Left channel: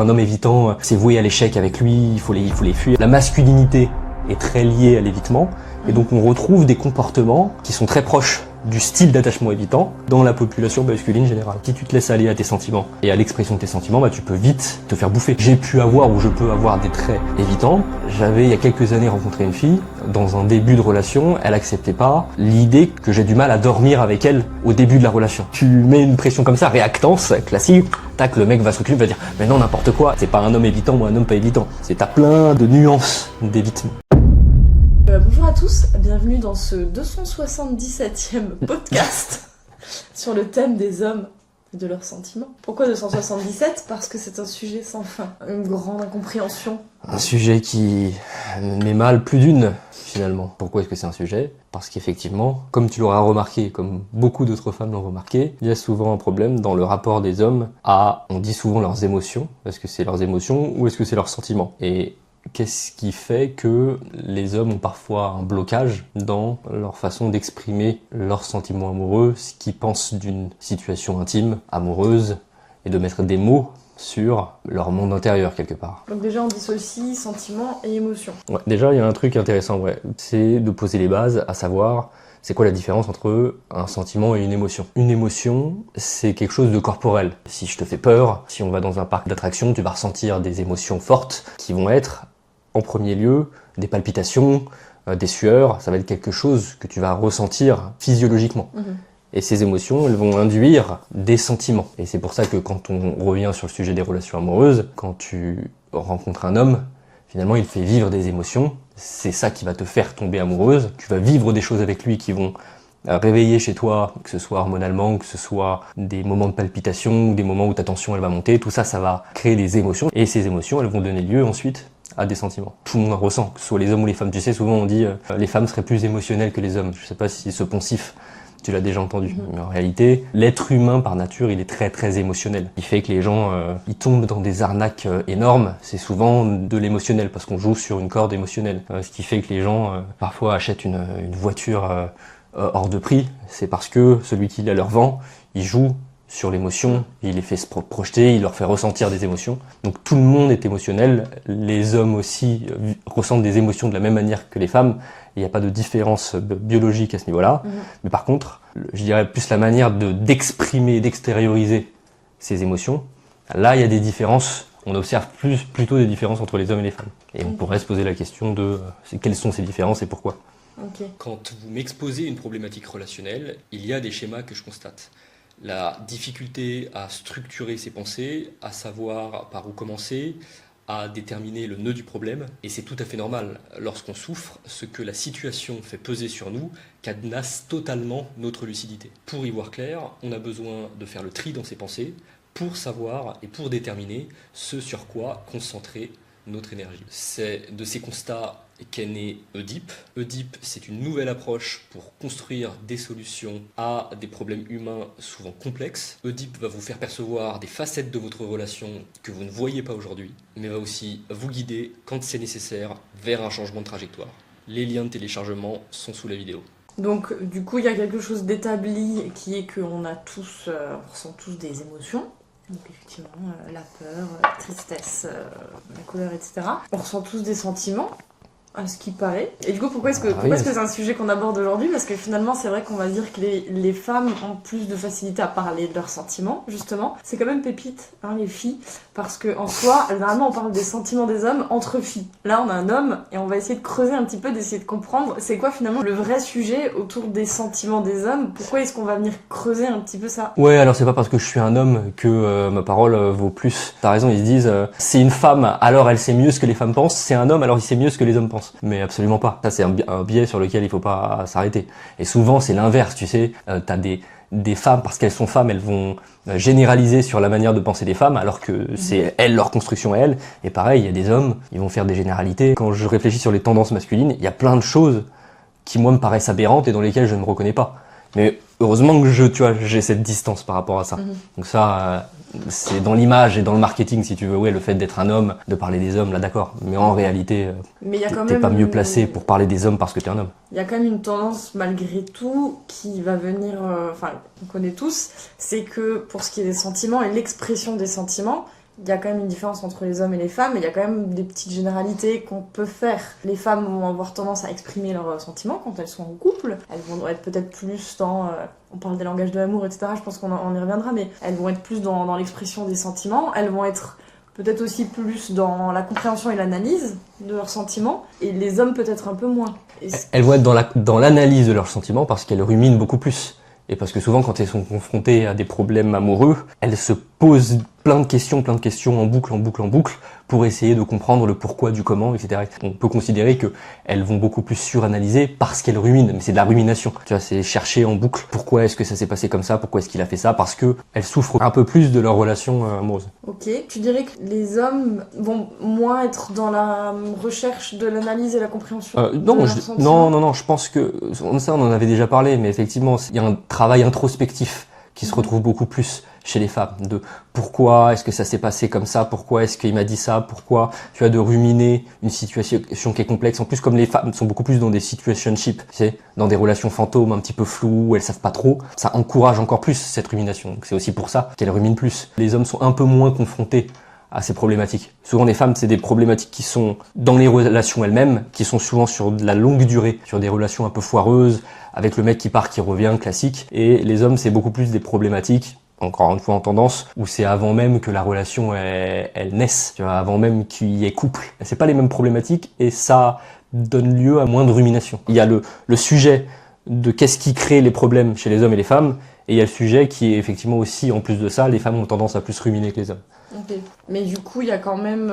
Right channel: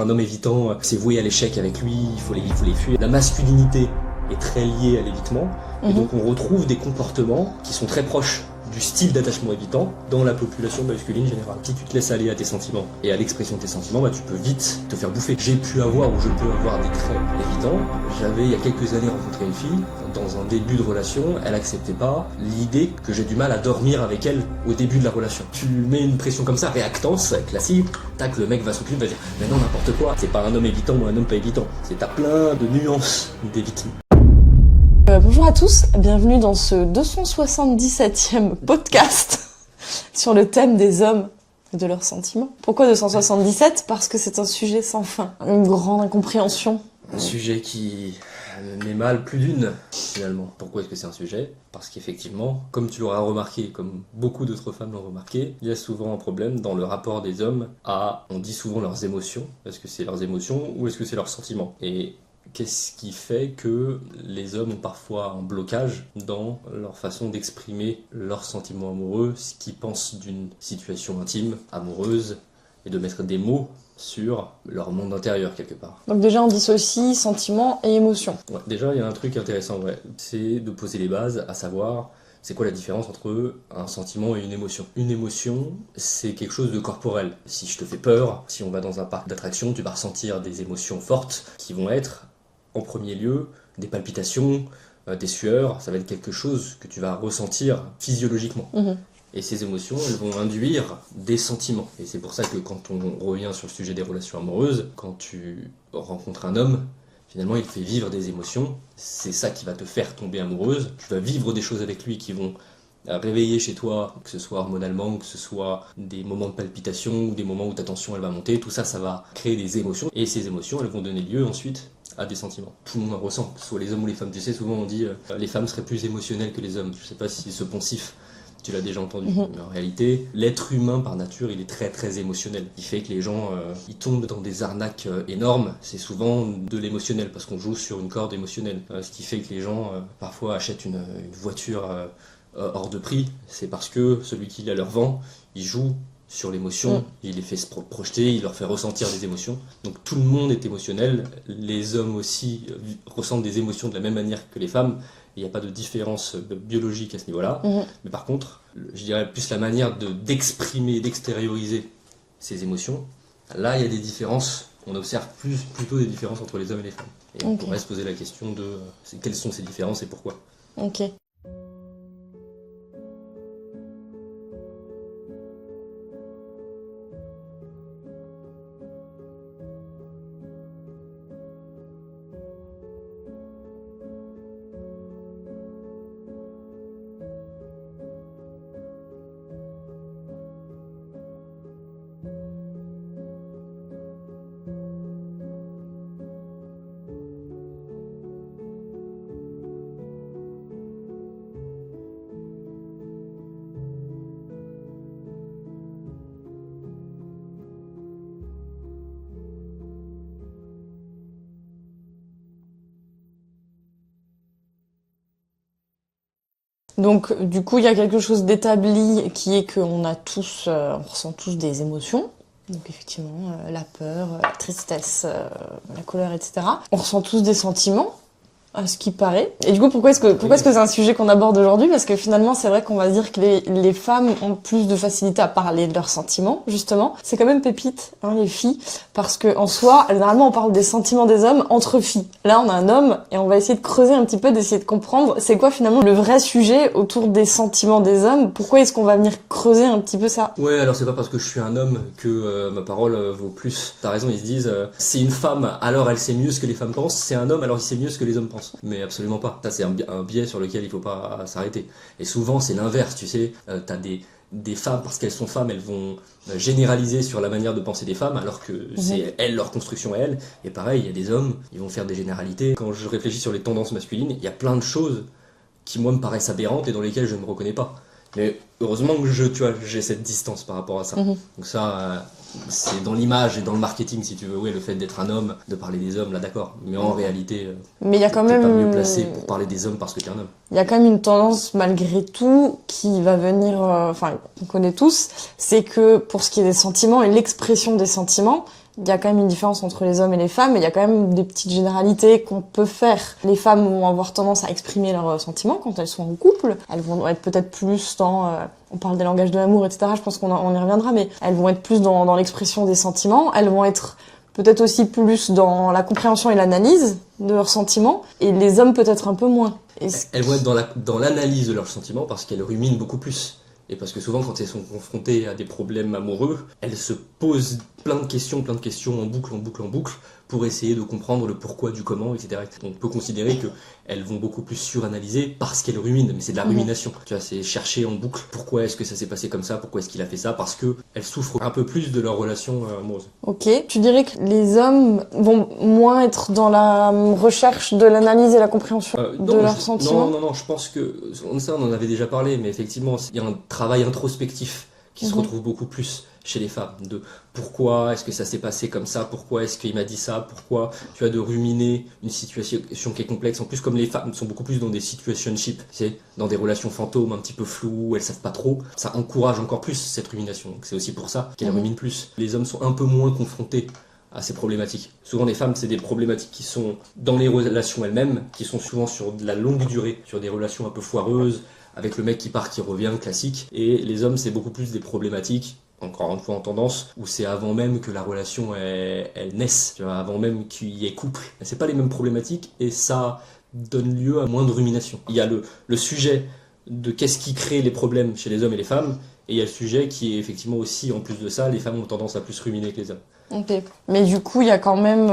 Un homme évitant, c'est voué à l'échec avec lui, il faut les fuir. La masculinité est très liée à l'évitement, et donc on retrouve des comportements qui sont très proches du style d'attachement évitant dans la population masculine générale. Si tu te laisses aller à tes sentiments et à l'expression de tes sentiments, tu peux vite te faire bouffer. J'ai pu avoir ou je peux avoir des traits évitants. J'avais il y a quelques années rencontré une fille, dans un début de relation, elle acceptait pas l'idée que j'ai du mal à dormir avec elle au début de la relation. Tu mets une pression comme ça, réactance, classique, tac, le mec va se reculer, va dire mais non, n'importe quoi, c'est pas un homme évitant ou un homme pas évitant. C'est t'as plein de nuances d'évitement. Bonjour à tous, bienvenue dans ce 277e podcast sur le thème des hommes et de leurs sentiments. Pourquoi 277 ? Parce que c'est un sujet sans fin, une grande incompréhension. Un sujet qui met mal plus d'une, finalement. Pourquoi est-ce que c'est un sujet ? Parce qu'effectivement, comme tu l'auras remarqué, comme beaucoup d'autres femmes l'ont remarqué, il y a souvent un problème dans le rapport des hommes à, on dit souvent leurs émotions. Est-ce que c'est leurs émotions ou est-ce que c'est leurs sentiments ? Et qu'est-ce qui fait que les hommes ont parfois un blocage dans leur façon d'exprimer leurs sentiments amoureux, ce qu'ils pensent d'une situation intime, amoureuse, et de mettre des mots sur leur monde intérieur quelque part. Donc déjà on dissocie sentiments et émotions. Ouais, déjà il y a un truc intéressant, c'est de poser les bases, à savoir c'est quoi la différence entre un sentiment et une émotion. Une émotion, c'est quelque chose de corporel. Si je te fais peur, si on va dans un parc d'attractions, tu vas ressentir des émotions fortes qui vont être en premier lieu, des palpitations, des sueurs, ça va être quelque chose que tu vas ressentir physiologiquement. Et ces émotions, elles vont induire des sentiments. Et c'est pour ça que quand on revient sur le sujet des relations amoureuses, quand tu rencontres un homme, finalement il fait vivre des émotions, c'est ça qui va te faire tomber amoureuse. Tu vas vivre des choses avec lui qui vont réveiller chez toi, que ce soit hormonalement, que ce soit des moments de palpitation, ou des moments où ta tension elle va monter, tout ça, ça va créer des émotions. Et ces émotions, elles vont donner lieu ensuite à des sentiments. Tout le monde en ressent, que ce soit les hommes ou les femmes. Tu sais, souvent on dit les femmes seraient plus émotionnelles que les hommes. Je sais pas si ce poncif, tu l'as déjà entendu. Mais en réalité, l'être humain par nature, il est très très émotionnel. Il fait que les gens, ils tombent dans des arnaques énormes. C'est souvent de l'émotionnel, parce qu'on joue sur une corde émotionnelle. Ce qui fait que les gens, parfois, achètent une voiture hors de prix. C'est parce que celui qui la leur vend, il joue sur l'émotion, il les fait se projeter, il leur fait ressentir des émotions. Donc tout le monde est émotionnel, les hommes aussi ressentent des émotions de la même manière que les femmes, il n'y a pas de différence biologique à ce niveau-là. Mais par contre, je dirais plus la manière d'exprimer, d'extérioriser ces émotions, là il y a des différences, on observe plutôt des différences entre les hommes et les femmes. Et on pourrait se poser la question de quelles sont ces différences et pourquoi. Quand vous m'exposez une problématique relationnelle, il y a des schémas que je constate. La difficulté à structurer ses pensées, à savoir par où commencer, à déterminer le nœud du problème. Et c'est tout à fait normal. Lorsqu'on souffre, ce que la situation fait peser sur nous cadenasse totalement notre lucidité. Pour y voir clair, on a besoin de faire le tri dans ses pensées pour savoir et pour déterminer ce sur quoi concentrer notre énergie. C'est de ces constats qu'est né Oedipe. Oedipe, c'est une nouvelle approche pour construire des solutions à des problèmes humains souvent complexes. Oedipe va vous faire percevoir des facettes de votre relation que vous ne voyez pas aujourd'hui, mais va aussi vous guider, quand c'est nécessaire, vers un changement de trajectoire. Les liens de téléchargement sont sous la vidéo. Donc du coup il y a quelque chose d'établi qui est qu'on a tous, on ressent tous des émotions. Donc effectivement la peur, la tristesse, la colère, etc. On ressent tous des sentiments, à ce qui paraît. Et du coup, pourquoi est-ce que c'est un sujet qu'on aborde aujourd'hui ? Parce que finalement, c'est vrai qu'on va dire que les femmes ont plus de facilité à parler de leurs sentiments, justement. C'est quand même pépite, les filles, parce que en soi, généralement, on parle des sentiments des hommes entre filles. Là, on a un homme, et on va essayer de creuser un petit peu, d'essayer de comprendre c'est quoi finalement le vrai sujet autour des sentiments des hommes. Pourquoi est-ce qu'on va venir creuser un petit peu ça ? Ouais, alors c'est pas parce que je suis un homme que ma parole vaut plus. T'as raison, ils se disent c'est une femme, alors elle sait mieux ce que les femmes pensent, c'est un homme, alors il sait mieux ce que les hommes pensent. Mais absolument pas. Ça, c'est un biais sur lequel il faut pas s'arrêter. Et souvent, c'est l'inverse, tu sais. T'as des femmes, parce qu'elles sont femmes, elles vont généraliser sur la manière de penser des femmes, alors que c'est elles, leur construction à elles. Et pareil, il y a des hommes, ils vont faire des généralités. Quand je réfléchis sur les tendances masculines, il y a plein de choses qui, moi, me paraissent aberrantes et dans lesquelles je ne me reconnais pas. Mais heureusement que j'ai cette distance par rapport à ça. Donc ça, c'est dans l'image et dans le marketing, si tu veux, le fait d'être un homme, de parler des hommes, là d'accord. Mais en réalité, t'es pas mieux placé pour parler des hommes parce que t'es un homme. Il y a quand même une tendance, malgré tout, qui va venir, on connaît tous, c'est que pour ce qui est des sentiments et l'expression des sentiments, il y a quand même une différence entre les hommes et les femmes, et il y a quand même des petites généralités qu'on peut faire. Les femmes vont avoir tendance à exprimer leurs sentiments quand elles sont en couple. Elles vont être peut-être plus dans... on parle des langages de l'amour, etc. Je pense on y reviendra, mais elles vont être plus dans l'expression des sentiments. Elles vont être peut-être aussi plus dans la compréhension et l'analyse de leurs sentiments, et les hommes peut-être un peu moins. Elles vont être dans l'analyse de leurs sentiments parce qu'elles ruminent beaucoup plus. Et parce que souvent, quand elles sont confrontées à des problèmes amoureux, elles se posent plein de questions en boucle, pour essayer de comprendre le pourquoi du comment, etc. On peut considérer qu'elles vont beaucoup plus suranalyser parce qu'elles ruminent, mais c'est de la rumination. Tu vois, c'est chercher en boucle pourquoi est-ce que ça s'est passé comme ça, pourquoi est-ce qu'il a fait ça, parce qu'elles souffrent un peu plus de leur relation amoureuse. Ok, tu dirais que les hommes vont moins être dans la recherche de l'analyse et la compréhension de leurs sentiments? Non, je pense que, ça on en avait déjà parlé, mais effectivement, il y a un travail introspectif qui se retrouve beaucoup plus chez les femmes, de pourquoi est-ce que ça s'est passé comme ça, pourquoi est-ce qu'il m'a dit ça, pourquoi tu as de ruminer une situation qui est complexe. En plus, comme les femmes sont beaucoup plus dans des situationships, tu sais, dans des relations fantômes un petit peu floues, où elles savent pas trop, ça encourage encore plus cette rumination. Donc c'est aussi pour ça qu'elles ruminent plus. Les hommes sont un peu moins confrontés à ces problématiques. Souvent les femmes, c'est des problématiques qui sont dans les relations elles-mêmes, qui sont souvent sur de la longue durée, sur des relations un peu foireuses, avec le mec qui part, qui revient, classique. Et les hommes, c'est beaucoup plus des problématiques, encore une fois en tendance, où c'est avant même que la relation elle naisse, tu vois, avant même qu'il y ait couple. C'est pas les mêmes problématiques et ça donne lieu à moins de rumination. Il y a le sujet de qu'est-ce qui crée les problèmes chez les hommes et les femmes, et il y a le sujet qui est effectivement aussi, en plus de ça, les femmes ont tendance à plus ruminer que les hommes. Ok. Mais du coup, il y a quand même...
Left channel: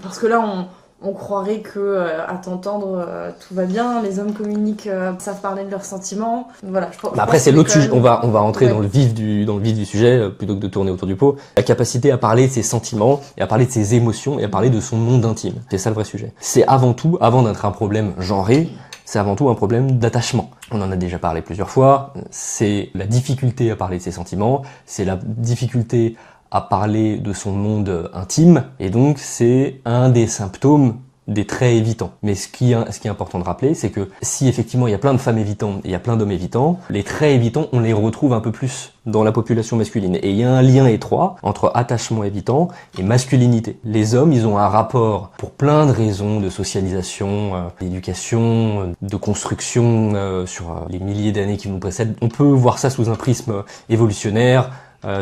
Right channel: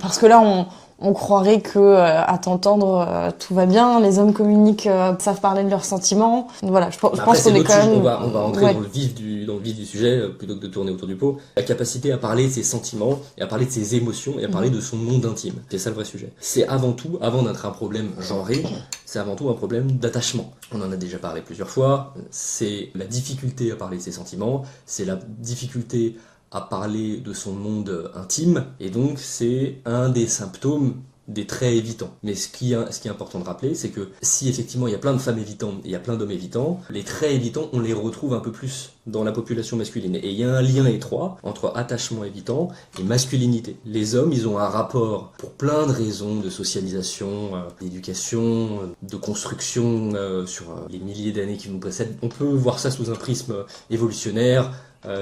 parce que là, on croirait que, à t'entendre, tout va bien, les hommes communiquent, savent parler de leurs sentiments. Voilà, je pense après, c'est l'autre sujet. On va entrer ouais. dans le vif du sujet, plutôt que de tourner autour du pot. La capacité à parler de ses sentiments, et à parler de ses émotions, et à parler de son monde intime. C'est ça le vrai sujet. C'est avant tout, avant d'être un problème genré, c'est avant tout un problème d'attachement. On en a déjà parlé plusieurs fois. C'est la difficulté à parler de ses sentiments, c'est la difficulté à parler de son monde intime, et donc c'est un des symptômes des traits évitants. Mais ce qui est important de rappeler, c'est que si effectivement il y a plein de femmes évitantes et il y a plein d'hommes évitants, les traits évitants, on les retrouve un peu plus dans la population masculine. Et il y a un lien étroit entre attachement évitant et masculinité. Les hommes, ils ont un rapport, pour plein de raisons, de socialisation, d'éducation, de construction, sur les milliers d'années qui nous précèdent. On peut voir ça sous un prisme évolutionnaire,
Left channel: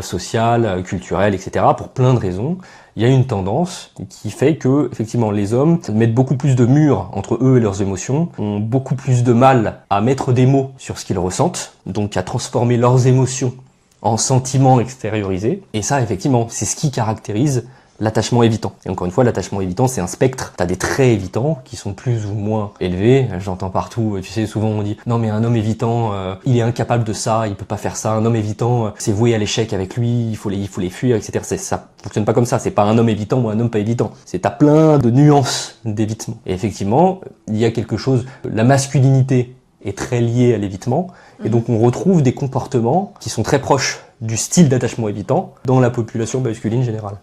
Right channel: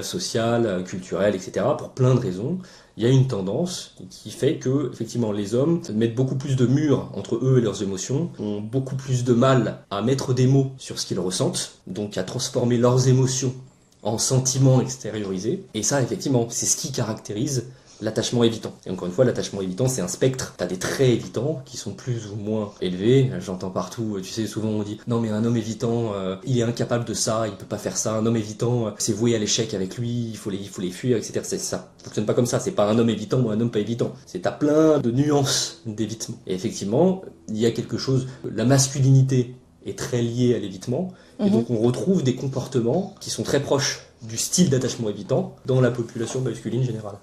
social, culturel, etc. Pour plein de raisons, il y a une tendance qui fait que, effectivement, les hommes mettent beaucoup plus de murs entre eux et leurs émotions, ont beaucoup plus de mal à mettre des mots sur ce qu'ils ressentent, donc à transformer leurs émotions en sentiments extériorisés. Et ça, effectivement, c'est ce qui caractérise l'attachement évitant. Et encore une fois, l'attachement évitant, c'est un spectre. T'as des traits évitants qui sont plus ou moins élevés. J'entends partout, tu sais, souvent on dit « Non mais un homme évitant, il est incapable de ça, il peut pas faire ça. Un homme évitant, c'est voué à l'échec avec lui, il faut les fuir, etc. » Ça fonctionne pas comme ça. C'est pas un homme évitant ou un homme pas évitant. T'as plein de nuances d'évitement. Et effectivement, il y a quelque chose... La masculinité est très liée à l'évitement. Et donc on retrouve des comportements qui sont très proches du style d'attachement évitant dans la population masculine générale.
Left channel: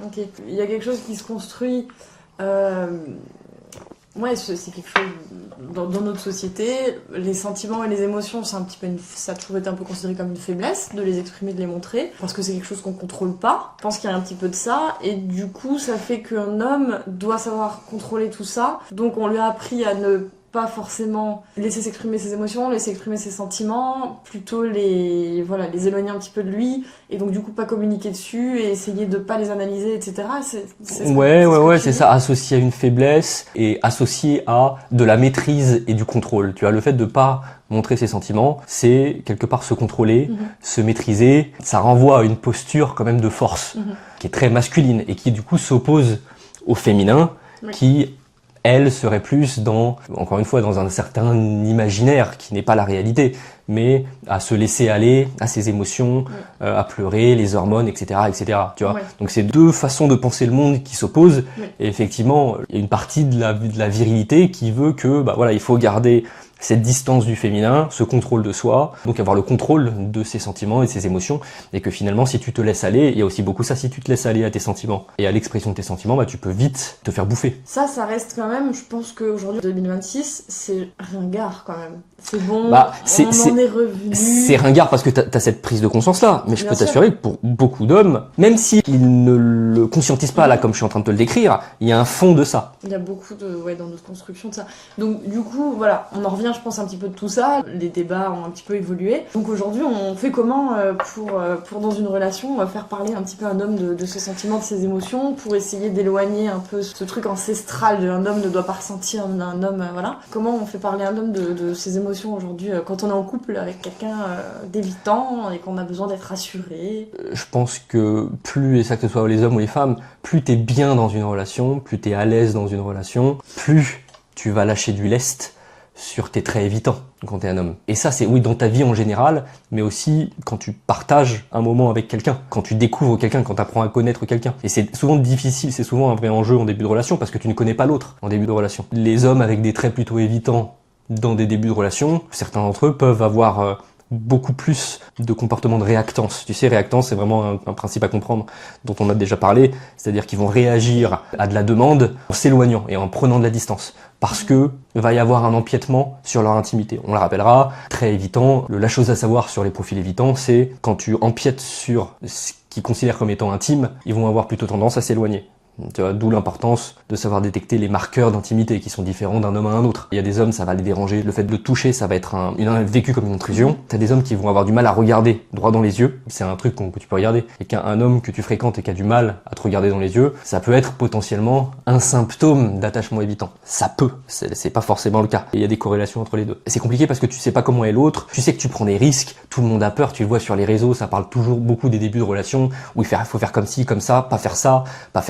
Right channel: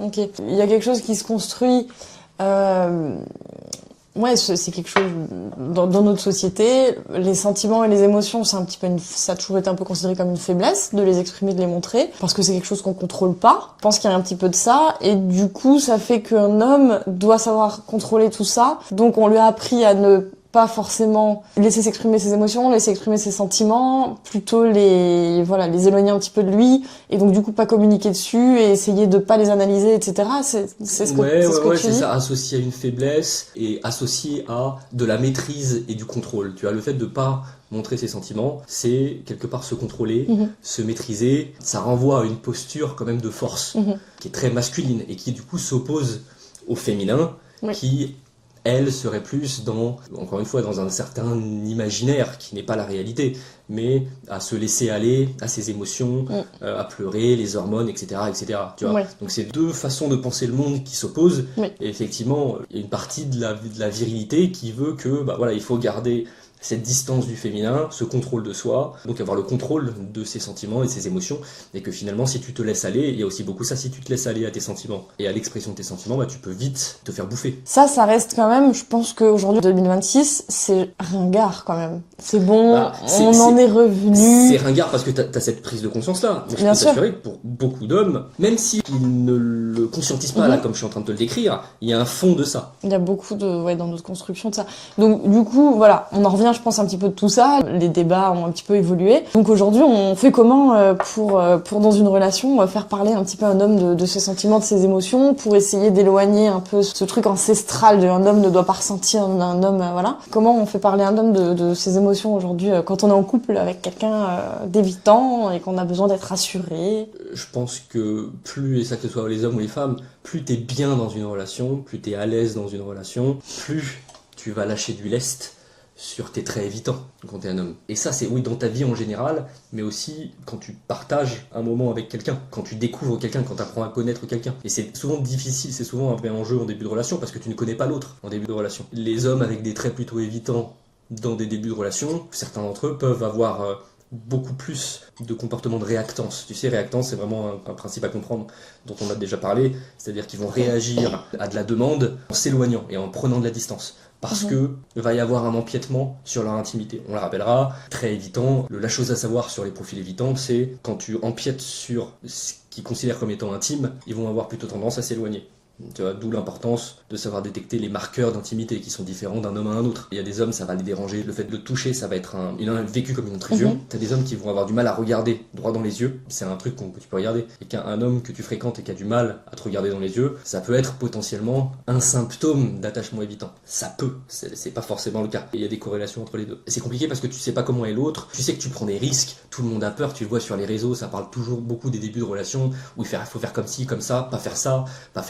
Ok. Il y a quelque chose qui se construit. Ouais, c'est quelque chose dans notre société. Les sentiments et les émotions, c'est un petit peu ça a toujours été un peu considéré comme une faiblesse de les exprimer, de les montrer, parce que c'est quelque chose qu'on contrôle pas. Je pense qu'il y a un petit peu de ça, et du coup, ça fait qu'un homme doit savoir contrôler tout ça. Donc, on lui a appris à ne pas forcément laisser s'exprimer ses émotions, laisser exprimer ses sentiments, plutôt les éloigner un petit peu de lui, et donc du coup pas communiquer dessus et essayer de pas les analyser, etc. C'est ça, associé à une faiblesse et associé à de la maîtrise et du contrôle. Tu vois, le fait de pas montrer ses sentiments, c'est quelque part se contrôler, se maîtriser. Ça renvoie à une posture quand même de force, qui est très masculine et qui du coup s'oppose au féminin, qui elle serait plus encore une fois, dans un certain imaginaire qui n'est pas la réalité, mais à se laisser aller à ses émotions, à pleurer, les hormones, etc., etc. Tu vois. Donc c'est deux façons de penser le monde qui s'opposent. Et effectivement, il y a une partie de la virilité qui veut que, il faut garder cette distance du féminin, ce contrôle de soi, donc avoir le contrôle de ses sentiments et de ses émotions, et que finalement si tu te laisses aller, il y a aussi beaucoup ça, si tu te laisses aller à tes sentiments et à l'expression de tes sentiments, bah tu peux vite te faire bouffer. Ça reste quand même, je pense qu'aujourd'hui, 2026, c'est ringard quand même. C'est bon, Bah, on en est revenu. C'est ringard parce que t'as cette prise de conscience-là, mais je Bien peux sûr. t'assurer que pour beaucoup d'hommes, même s'ils ne le conscientisent pas là, comme je suis en train de te le décrire, il y a un fond de ça. Il y a beaucoup dans notre construction de ça. Donc du coup, voilà, on en revient, je pense, un petit peu de tout ça. Les débats ont un petit peu évolué. Donc aujourd'hui, on fait comment pour dans une relation, faire parler un petit peu un homme de ses sentiments, de ses émotions, pour essayer d'éloigner un peu ce truc ancestral de un homme ne doit pas ressentir d'un homme, voilà. Comment on fait parler un homme de ses émotions aujourd'hui quand on est en couple avec quelqu'un d'évitant et qu'on a besoin d'être rassuré? Je pense que plus, et ça que ce soit les hommes ou les femmes, plus t'es bien dans une relation, plus t'es à l'aise dans une relation, plus tu vas lâcher du lest sur tes traits évitants quand t'es un homme. Et ça, c'est oui dans ta vie en général, mais aussi quand tu partages un moment avec quelqu'un, quand tu découvres quelqu'un, quand tu apprends à connaître quelqu'un. Et c'est souvent difficile, c'est souvent un vrai enjeu en début de relation, parce que tu ne connais pas l'autre en début de relation. Les hommes avec des traits plutôt évitants dans des débuts de relation, certains d'entre eux peuvent avoir beaucoup plus de comportements de réactance. Tu sais, réactance, c'est vraiment un principe à comprendre dont on a déjà parlé, c'est-à-dire qu'ils vont réagir à de la demande en s'éloignant et en prenant de la distance. Parce que va y avoir un empiètement sur leur intimité. On le rappellera, très évitant. La chose à savoir sur les profils évitants, c'est quand tu empiètes sur ce qu'ils considèrent comme étant intime, ils vont avoir plutôt tendance à s'éloigner. D'où l'importance de savoir détecter les marqueurs d'intimité qui sont différents d'un homme à un autre. Il y a des hommes, ça va les déranger. Le fait de le toucher, ça va être vécu comme une intrusion. T'as des hommes qui vont avoir du mal à regarder droit dans les yeux. C'est un truc que tu peux regarder. Et qu'un homme que tu fréquentes et qui a du mal à te regarder dans les yeux, ça peut être potentiellement un symptôme d'attachement évitant. Ça peut. C'est pas forcément le cas. Et il y a des corrélations entre les deux. C'est compliqué parce que tu sais pas comment est l'autre. Tu sais que tu prends des risques. Tout le monde a peur. Tu le vois sur les réseaux. Ça parle toujours beaucoup des débuts de relation où il faut faire comme ci, comme ça, pas faire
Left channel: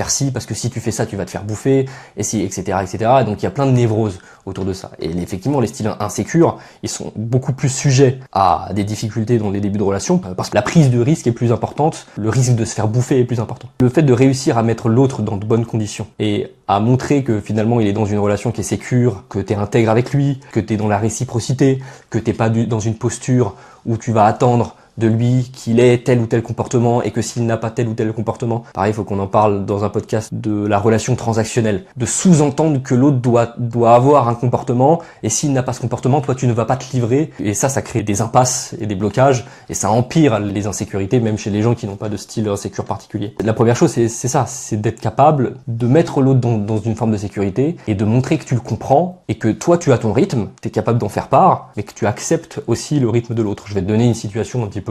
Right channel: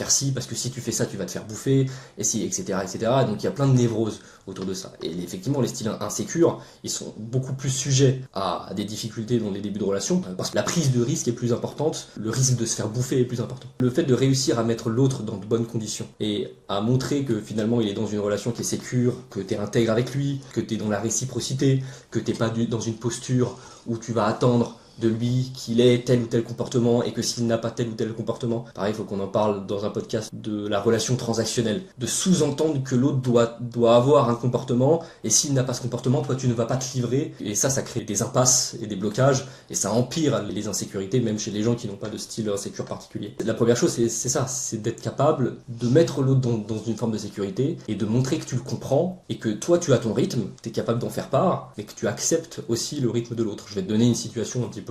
ci, parce que si tu fais ça, tu vas te faire bouffer, et si, etc., etc. Donc il y a plein de névroses autour de ça. Et effectivement, les styles insécures, ils sont beaucoup plus sujets à des difficultés dans les débuts de relation, parce que la prise de risque est plus importante, le risque de se faire bouffer est plus important. Le fait de réussir à mettre l'autre dans de bonnes conditions, et à montrer que finalement il est dans une relation qui est sécure, que t'es intègre avec lui, que t'es dans la réciprocité, que t'es pas dans une posture où tu vas attendre de lui qu'il ait tel ou tel comportement et que s'il n'a pas tel ou tel comportement, pareil, il faut qu'on en parle dans un podcast de la relation transactionnelle, de sous-entendre que l'autre doit avoir un comportement et s'il n'a pas ce comportement, toi tu ne vas pas te livrer et ça crée des impasses et des blocages et ça empire les insécurités même chez les gens qui n'ont pas de style insécure particulier. La première chose c'est ça, c'est d'être capable de mettre l'autre dans une forme de sécurité et de montrer que tu le comprends et que toi tu as ton rythme, tu es capable d'en faire part mais que tu acceptes aussi le rythme de l'autre. Je vais te donner une situation un petit peu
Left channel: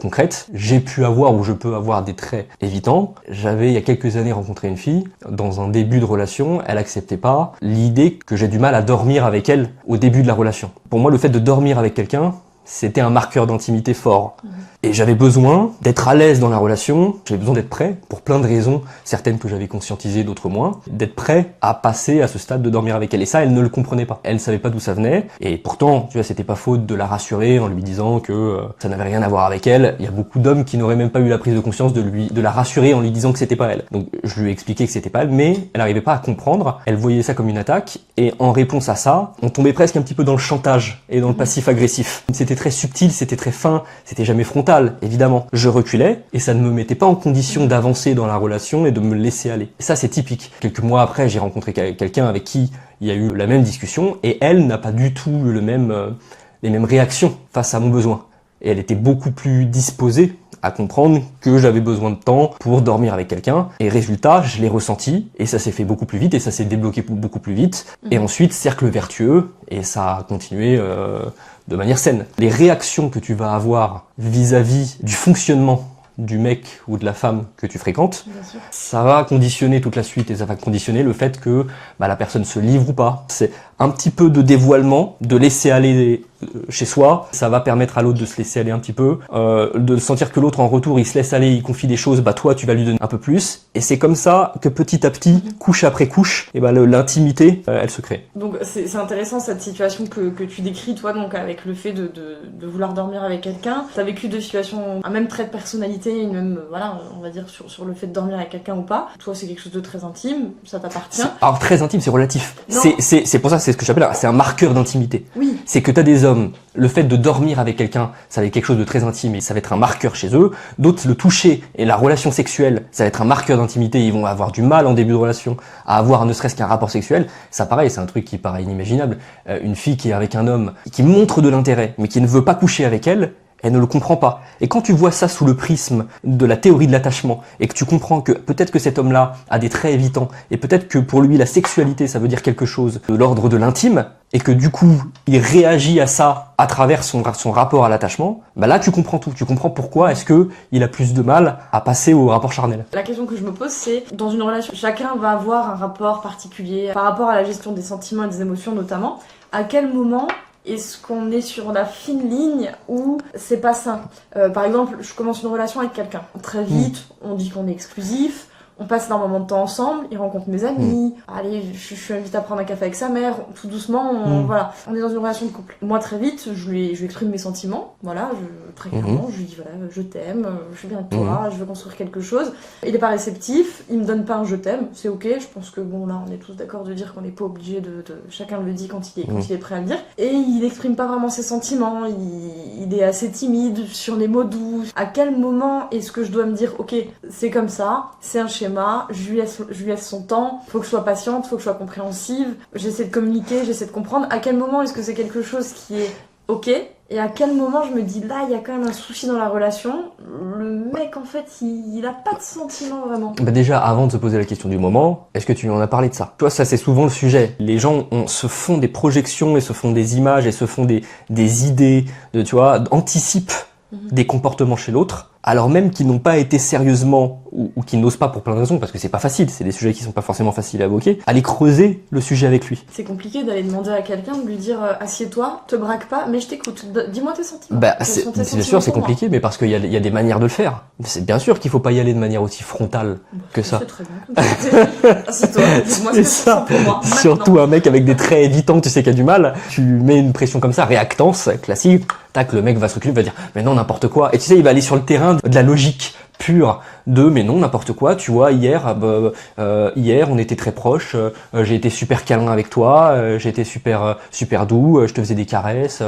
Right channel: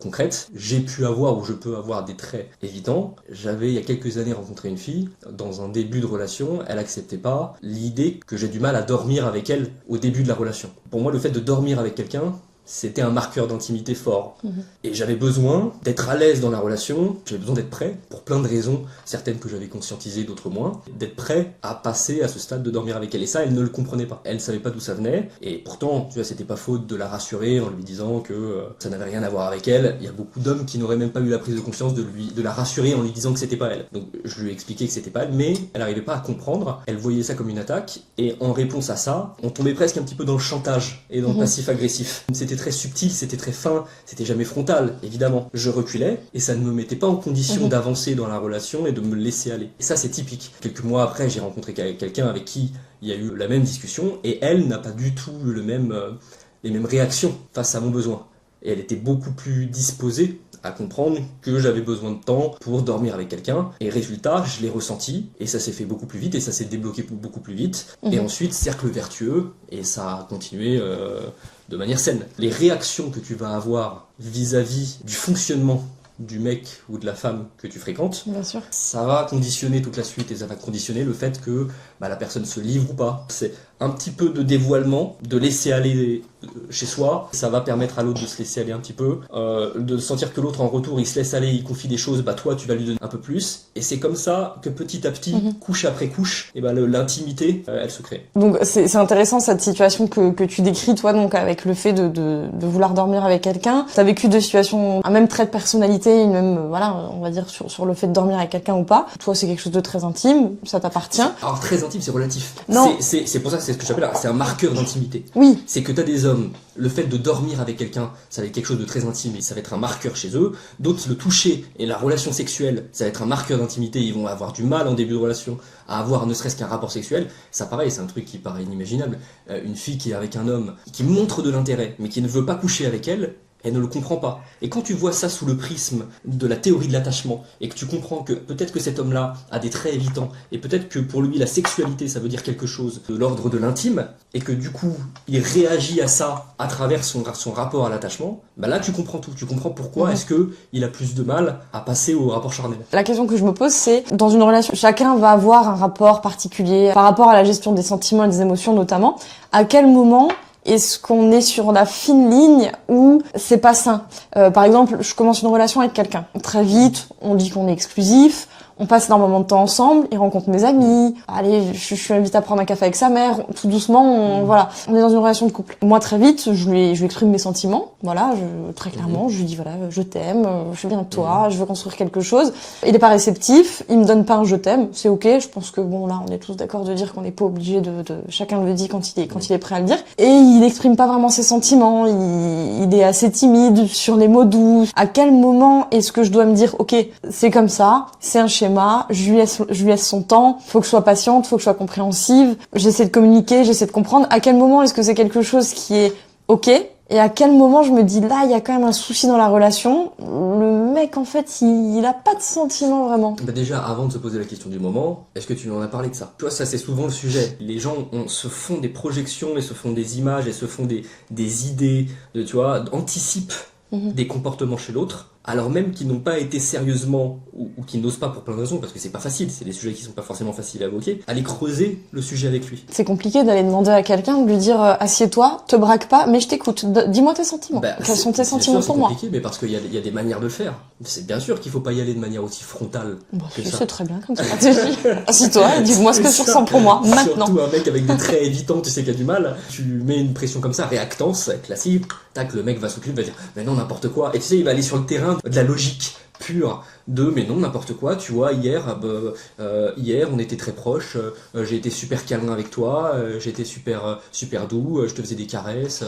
concrète. J'ai pu avoir ou je peux avoir des traits évitants. J'avais il y a quelques années rencontré une fille dans un début de relation, elle acceptait pas l'idée que j'ai du mal à dormir avec elle au début de la relation. Pour moi, le fait de dormir avec quelqu'un, c'était un marqueur d'intimité fort. Et j'avais besoin d'être à l'aise dans la relation, j'avais besoin d'être prêt, pour plein de raisons, certaines que j'avais conscientisées, d'autres moins, d'être prêt à passer à ce stade de dormir avec elle. Et ça, elle ne le comprenait pas. Elle ne savait pas d'où ça venait. Et pourtant, tu vois, c'était pas faute de la rassurer en lui disant que ça n'avait rien à voir avec elle. Il y a beaucoup d'hommes qui n'auraient même pas eu la prise de conscience de la rassurer en lui disant que c'était pas elle. Donc, je lui ai expliqué que c'était pas elle, mais elle n'arrivait pas à comprendre. Elle voyait ça comme une attaque. Et en réponse à ça, on tombait presque un petit peu dans le chantage et dans le passif agressif. C'était très subtil, c'était très fin, c'était jamais frontal, évidemment. Je reculais et ça ne me mettait pas en condition d'avancer dans la relation et de me laisser aller. Et ça, c'est typique. Quelques mois après, j'ai rencontré quelqu'un avec qui il y a eu la même discussion et elle n'a pas du tout les mêmes réactions face à mon besoin. Et elle était beaucoup plus disposée à comprendre que j'avais besoin de temps pour dormir avec quelqu'un. Et résultat, je l'ai ressenti et ça s'est fait beaucoup plus vite et ça s'est débloqué beaucoup plus vite. Et ensuite, cercle vertueux et ça a continué de manière saine. Les réactions que tu vas avoir vis-à-vis du fonctionnement du mec ou de la femme que tu fréquentes, Bien sûr. ça va conditionner toute la suite et ça va conditionner le fait que la personne se livre ou pas. C'est un petit peu de dévoilement, de laisser aller chez soi, ça va permettre à l'autre de se laisser aller un petit peu, de sentir que l'autre en retour il se laisse aller, il confie des choses, toi tu vas lui donner un peu plus, et c'est comme ça que petit à petit, couche après couche, et l'intimité elle se crée. Donc c'est intéressant cette situation que tu décris toi, donc avec le fait de vouloir dormir avec quelqu'un. T'as vécu deux situations, un même trait de personnalité, une même, on va dire sur le fait de dormir avec quelqu'un ou pas. Toi c'est quelque chose de très intime, ça t'appartient. Alors très intime, c'est relatif. Non. C'est pour ça c'est ce que j'appelle, c'est un marqueur d'intimité. Oui. C'est que t'as des hommes, le fait de dormir avec quelqu'un, ça va être quelque chose de très intime et ça va être un marqueur chez eux. D'autres, le toucher et la relation sexuelle, ça va être un marqueur d'intimité. Ils vont avoir du mal en début de relation à avoir ne serait-ce qu'un rapport sexuel. Ça, pareil, c'est un truc qui paraît inimaginable. Une fille qui est avec un homme, qui montre de l'intérêt, mais qui ne veut pas coucher avec elle ne le comprend pas. Et quand tu vois ça sous le prisme de la théorie de l'attachement, et que tu comprends que peut-être que cet homme-là a des traits évitants, et peut-être que pour lui la sexualité ça veut dire quelque chose de l'ordre de l'intime, et que du coup il réagit à ça à travers son rapport à l'attachement, bah là tu comprends tout. Tu comprends pourquoi est-ce que il a plus de mal à passer au rapport charnel. La question que je me pose, c'est, dans une relation, chacun va avoir un rapport particulier par rapport à la gestion des sentiments et des émotions notamment. À quel moment est-ce qu'on est sur la fine ligne où c'est pas sain? Par exemple, je commence une relation avec quelqu'un. Très vite, on dit qu'on est exclusif, on passe énormément de temps ensemble, il rencontre mes amis, allez, je suis invitée à prendre un café avec sa mère, tout doucement, voilà. On est dans une relation de couple. Moi, très vite, je lui exprime mes sentiments, voilà, très clairement, je lui dis, voilà, je t'aime, je suis bien avec toi, je veux construire quelque chose. Il est pas réceptif, il me donne pas un je t'aime, c'est ok, je pense que bon, là, on est tous d'accord de dire qu'on n'est pas obligé chacun le dit quand il est prêt à le dire. Et il exprime pas vraiment ses sentiments, il est assez timide sur les mots doux. À quel moment est-ce que je dois me dire, ok, c'est comme ça, c'est un schéma, je lui laisse son temps, faut que je sois patiente, faut que je sois compréhensive, j'essaie de communiquer, j'essaie de comprendre. À quel moment est-ce que c'est quelque chose qui est ok? Et à quel moment je me dis, là, il y a quand même un souci dans la relation. Le mec, en fait, il a pas de sentiments vraiment. Bah déjà, avant de se poser la question du moment, est-ce que tu lui en as parlé de ça? Tu vois, ça c'est souvent le sujet. Les gens se font des projections et se font des images et se font des idées, tu vois, anticipent des comportements chez l'autre, alors même qu'ils n'ont pas été sérieusement, ou qu'ils n'osent pas pour plein de raisons, parce que c'est pas facile, c'est des sujets qui sont pas forcément faciles à évoquer, aller creuser le sujet avec lui. C'est compliqué d'aller demander à quelqu'un de lui dire assieds-toi, te braque pas, mais je t'écoute, dis-moi tes sentiments. Bah, Quels sont tes bien sentiments sûr, c'est pour moi? compliqué, mais parce qu'il y a des manières de le faire. C'est bien sûr qu'il faut pas y aller de manière aussi frontale que ça. C'est très bien comme stratégie. Assieds-toi, dis-moi ce que tu ressens pour moi, maintenant. Surtout un mec avec des traits évitants, tu sais qu'il y a du mal, tu mets une pression comme ça, réactance, classique, tac, le mec va s'occuper, va dire, mais non, n'importe quoi. Et tu sais, il va aller sur le terrain de la logique pure de mais non n'importe quoi, tu vois, hier on était très proches, j'ai été super câlin avec toi, j'ai été super doux, je te faisais des caresses,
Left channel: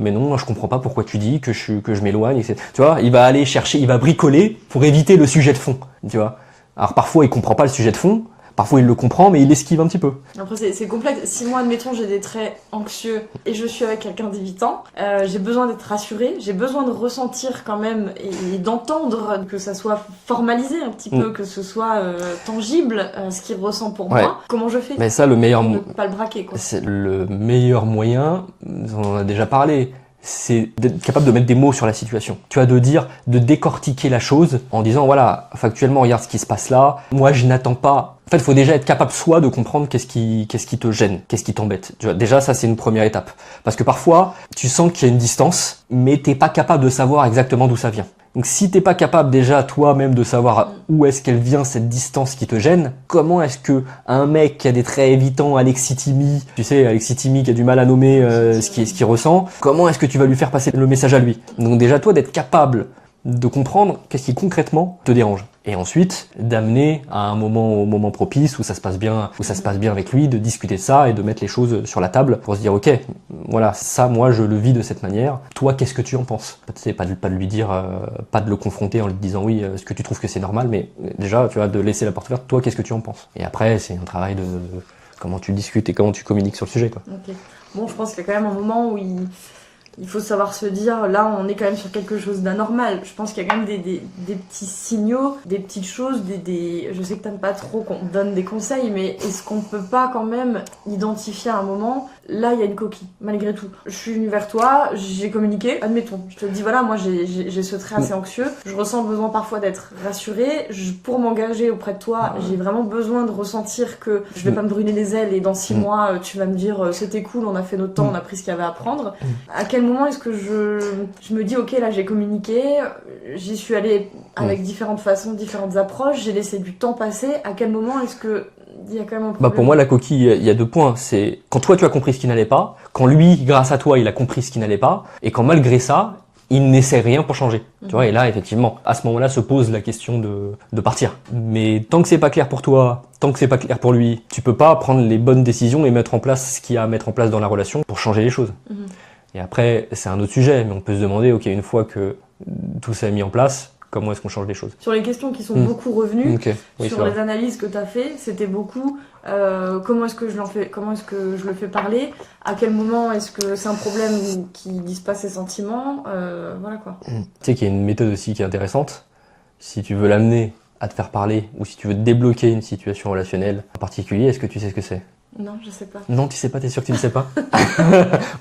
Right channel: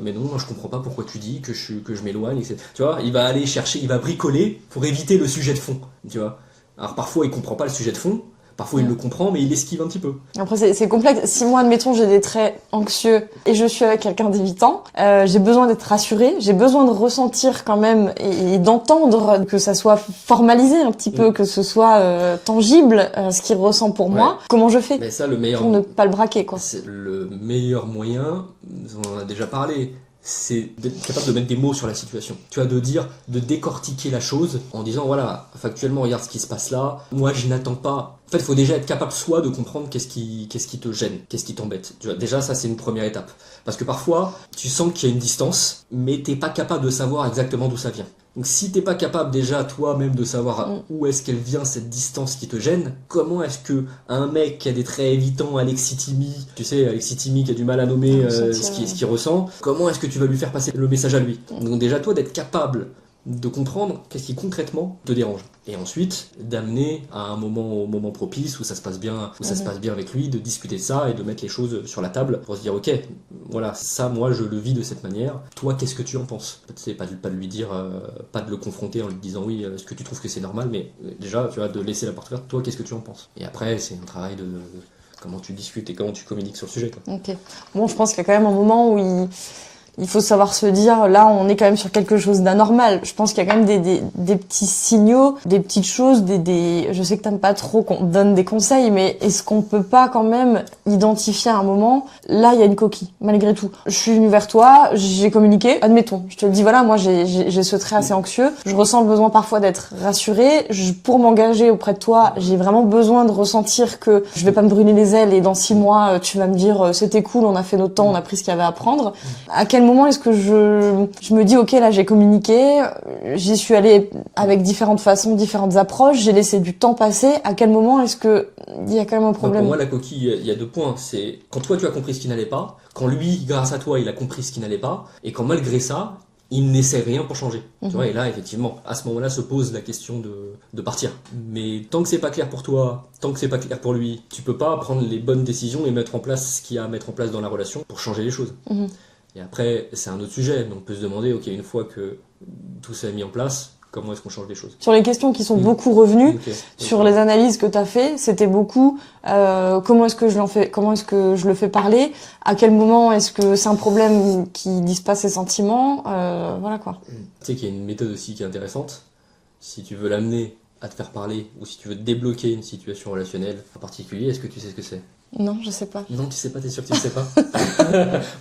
mais non, je comprends pas pourquoi tu dis que je m'éloigne, etc. Tu vois, il va aller chercher, il va bricoler pour éviter le sujet de fond, tu vois. Alors parfois il comprend pas le sujet de fond, parfois il le comprend mais il esquive un petit peu. Après c'est complexe. Si moi admettons j'ai des traits anxieux et je suis avec quelqu'un d'évitant, j'ai besoin d'être rassurée, j'ai besoin de ressentir quand même et d'entendre que ça soit formalisé un petit peu, que ce soit tangible ce qu'il ressent pour moi. Comment je fais? Mais ça le meilleur pour ne pas le braquer quoi. C'est le meilleur moyen, on en a déjà parlé. C'est d'être capable de mettre des mots sur la situation. Tu vois, de décortiquer la chose en disant, voilà, factuellement, regarde ce qui se passe là. Moi, je n'attends pas. En fait, il faut déjà être capable, soi, de comprendre qu'est-ce qui te gêne, qu'est-ce qui t'embête. Tu vois, déjà, ça, c'est une première étape. Parce que parfois, tu sens qu'il y a une distance, mais t'es pas capable de savoir exactement d'où ça vient. Donc, si t'es pas capable déjà, toi-même, de savoir où est-ce qu'elle vient, cette distance qui te gêne, comment est-ce que un mec qui a des traits évitants, Alexis Timmy, tu sais, Alexis Timmy qui a du mal à nommer ce qu'il ressent, comment est-ce que tu vas lui faire passer le message à lui? Donc déjà, toi, d'être capable de comprendre qu'est-ce qui concrètement te dérange. Et ensuite, d'amener à au moment propice où ça se passe bien avec lui, de discuter de ça et de mettre les choses sur la table pour se dire, ok, voilà, ça, moi, je le vis de cette manière. Toi, qu'est-ce que tu en penses? C'est pas de lui dire, pas de le confronter en lui disant, oui, est-ce que tu trouves que c'est normal? Mais déjà, tu vois, de laisser la porte ouverte. Toi, qu'est-ce que tu en penses? Et après, c'est un travail de comment tu discutes et comment tu communiques sur le sujet, quoi. Ok. Bon, je pense qu'il y a quand même un moment où il faut savoir se dire, là, on est quand même sur quelque chose d'anormal. Je pense qu'il y a quand même des petits signaux, des petites choses, je sais que t'aimes pas trop qu'on te donne des conseils, mais est-ce qu'on peut pas quand même identifier à un moment, là, il y a une coquille, malgré tout. Je suis venue vers toi, j'ai communiqué, admettons. Je te dis, voilà, moi, j'ai ce trait assez anxieux. Je ressens le besoin parfois d'être rassurée. Pour m'engager auprès de toi, j'ai vraiment besoin de ressentir que je vais pas me brûler les ailes et dans 6 mois, tu vas me dire, c'était cool, on a fait notre temps, on a pris ce qu'il y avait à prendre. À quel moment est-ce que je me dis, ok, là j'ai communiqué, j'y suis allée avec différentes façons, différentes approches, j'ai laissé du temps passer. À quel moment est-ce que il y a quand même un problème? Pour moi, la coquille, il y a 2 points. C'est quand toi tu as compris ce qui n'allait pas, quand lui, grâce à toi, il a compris ce qui n'allait pas, et quand malgré ça, il n'essaie rien pour changer. Tu vois, et là, effectivement, à ce moment-là, se pose la question de partir. Mais tant que c'est pas clair pour toi, tant que c'est pas clair pour lui, tu peux pas prendre les bonnes décisions et mettre en place ce qu'il y a à mettre en place dans la relation pour changer les choses. Et après, c'est un autre sujet, mais on peut se demander, ok, une fois que tout ça est mis en place, comment est-ce qu'on change les choses? Sur les questions qui sont beaucoup revenues, Okay. Oui, sur les analyses que tu as fait, c'était beaucoup comment est-ce que je le fais parler, à quel moment est-ce que c'est un problème qu'il dise pas ses sentiments, voilà quoi. Tu sais qu'il y a une méthode aussi qui est intéressante. Si tu veux l'amener à te faire parler ou si tu veux débloquer une situation relationnelle en particulier, est-ce que tu sais ce que c'est? Non, je sais pas. Non, tu sais pas, t'es sûr que tu le sais pas?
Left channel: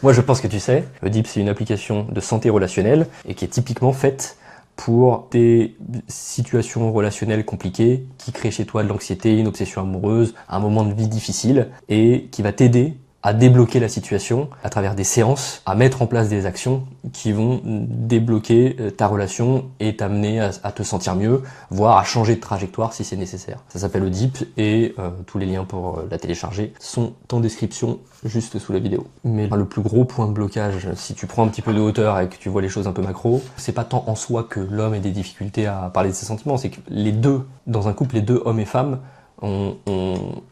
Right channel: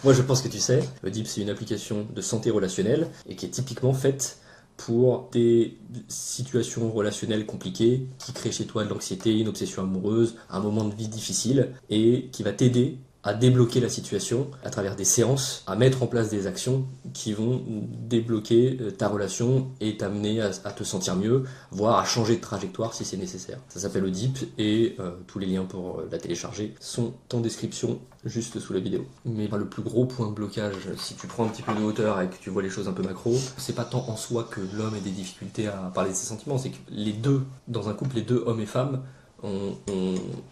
Moi, je pense que tu sais. Le DIP, c'est une application de santé relationnelle et qui est typiquement faite pour des situations relationnelles compliquées qui créent chez toi de l'anxiété, une obsession amoureuse, un moment de vie difficile et qui va t'aider à débloquer la situation à travers des séances, à mettre en place des actions qui vont débloquer ta relation et t'amener à te sentir mieux, voire à changer de trajectoire si c'est nécessaire. Ça s'appelle le DIP et tous les liens pour la télécharger sont en description juste sous la vidéo. Mais le plus gros point de blocage, si tu prends un petit peu de hauteur et que tu vois les choses un peu macro, c'est pas tant en soi que l'homme ait des difficultés à parler de ses sentiments, c'est que les deux, dans un couple, les deux hommes et femmes, ont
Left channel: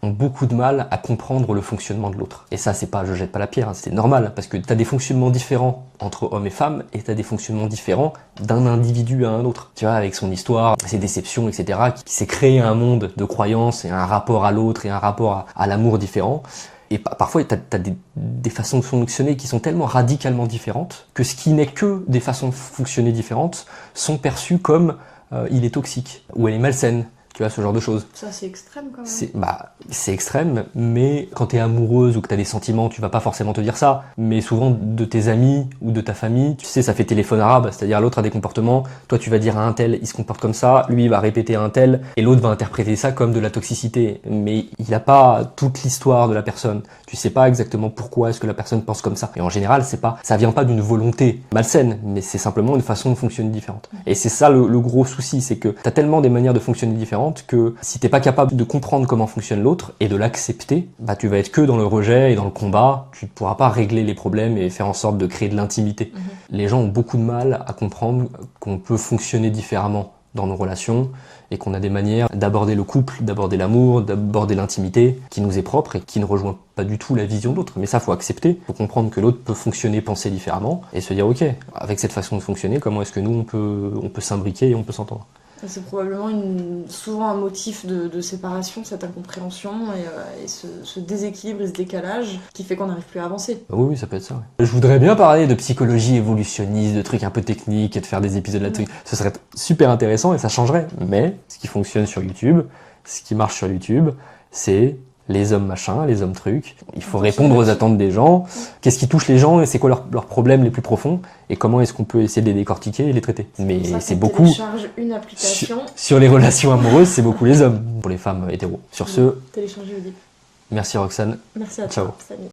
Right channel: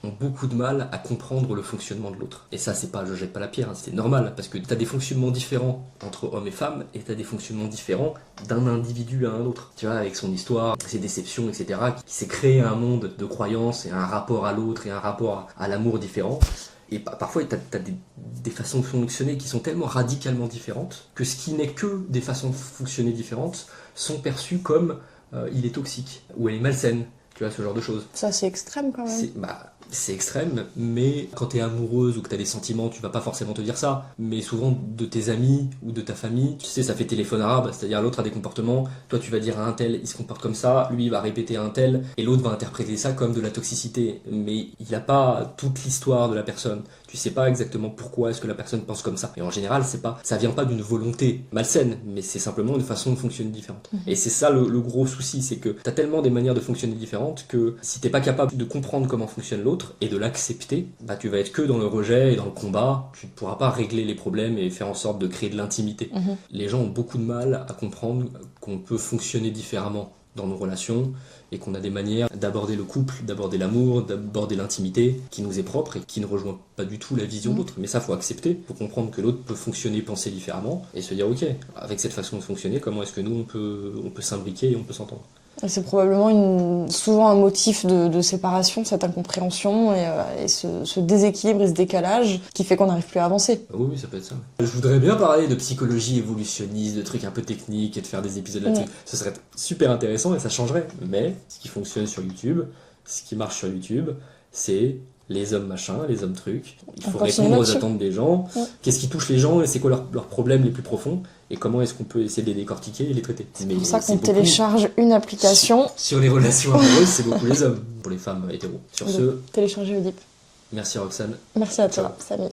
beaucoup de mal à comprendre le fonctionnement de l'autre. Et ça, c'est pas, je jette pas la pierre, hein, c'est normal, parce que t'as des fonctionnements différents entre hommes et femmes, et t'as des fonctionnements différents d'un individu à un autre. Tu vois, avec son histoire, ses déceptions, etc., qui s'est créé un monde de croyances et un rapport à l'autre et un rapport à l'amour différent. Et parfois, t'as des façons de fonctionner qui sont tellement radicalement différentes que ce qui n'est que des façons de fonctionner différentes sont perçues comme il est toxique ou elle est malsaine. Tu vois, ce genre de choses. Ça, c'est extrême quand même. C'est extrême, mais quand t'es amoureuse ou que t'as des sentiments, tu vas pas forcément te dire ça. Mais souvent, de tes amis ou de ta famille, tu sais, ça fait téléphone arabe, c'est-à-dire l'autre a des comportements, toi tu vas dire à un tel, il se comporte comme ça, lui il va répéter à un tel, et l'autre va interpréter ça comme de la toxicité. Mais il a pas toute l'histoire de la personne. Tu sais pas exactement pourquoi est-ce que la personne pense comme ça. Et en général, ça vient pas d'une volonté malsaine, mais c'est simplement une façon de fonctionner différente. Et c'est ça le gros souci, c'est que t'as tellement des manières de fonctionner différentes que si t'es pas capable de comprendre comment fonctionne l'autre et de l'accepter, bah tu vas être que dans le rejet et dans le combat, tu ne pourras pas régler les problèmes et faire en sorte de créer de l'intimité. Les gens ont beaucoup de mal à comprendre qu'on peut fonctionner différemment dans nos relations et qu'on a des manières d'aborder le couple, d'aborder l'amour, d'aborder l'intimité qui nous est propre et qui ne rejoint pas du tout la vision d'autre. Mais ça, faut accepter, faut comprendre que l'autre peut fonctionner, penser différemment et se dire ok, avec cette façon de fonctionner, comment est-ce que nous on peut s'imbriquer et on peut s'entendre. C'est probablement souvent un motif de séparation, cette incompréhension et ce déséquilibre et ce décalage qui fait qu'on n'arrive plus à avancer. Oui, ça peut être ça. Je voudrais bien parler de psychologie évolutionniste, de trucs un peu techniques et de faire des épisodes là-dessus. Ce serait super intéressant et ça changerait. Mais ce qui fonctionne sur YouTube, ce qui marche sur YouTube, c'est les hommes machin, les hommes trucs. Il faut répondre aux attentes des gens. Qu'est-ce qui touche les gens et c'est quoi leurs problèmes les plus profonds et comment est-ce qu'on peut essayer de les décortiquer et les traiter. Mais c'est pour ça qu'on télécharge une application. Sur les relations amoureuses, c'est beaucoup les hommes. Pour les femmes hétéros. Sur ce, téléchargez le DIP. Merci Roxane. Merci à toi. Ciao. Salut.